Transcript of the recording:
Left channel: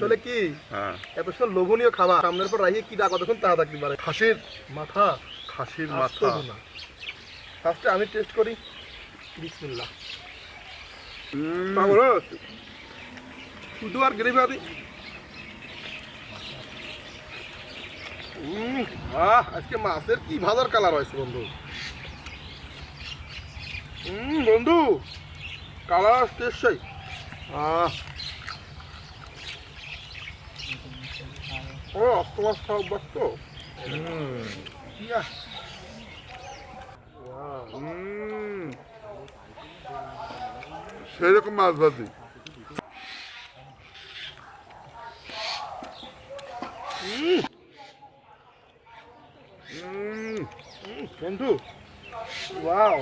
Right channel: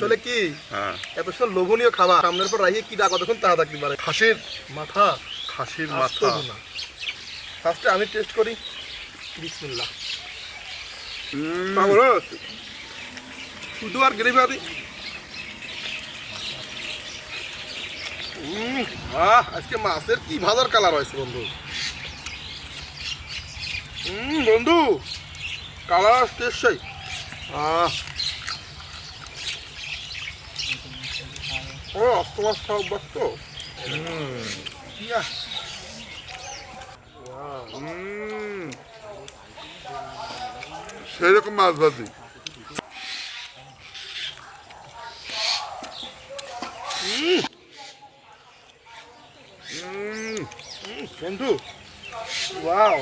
আসলে কি এত সুন্দর লোভনীয় খাবার সামনের পর রাখিয়ে কি ডাক কতক্ষণ তা থাকতে পারে। খাসির মাথা, খাসির মাথা। ফার্স্টে আমি টেস্ট করি। বিসমিল্লাহ। শুধু আর গ্রেভি আদি। আজকে মাছের কি ভাজার কালার হয়েছে বন্ধু। বন্ধু কালার টেস্ট চাই। ও অক্টোমাস খাওয়া অভ্যাস তো। সেরকম মাছ ভাজি। বন্ধু ওয়াও,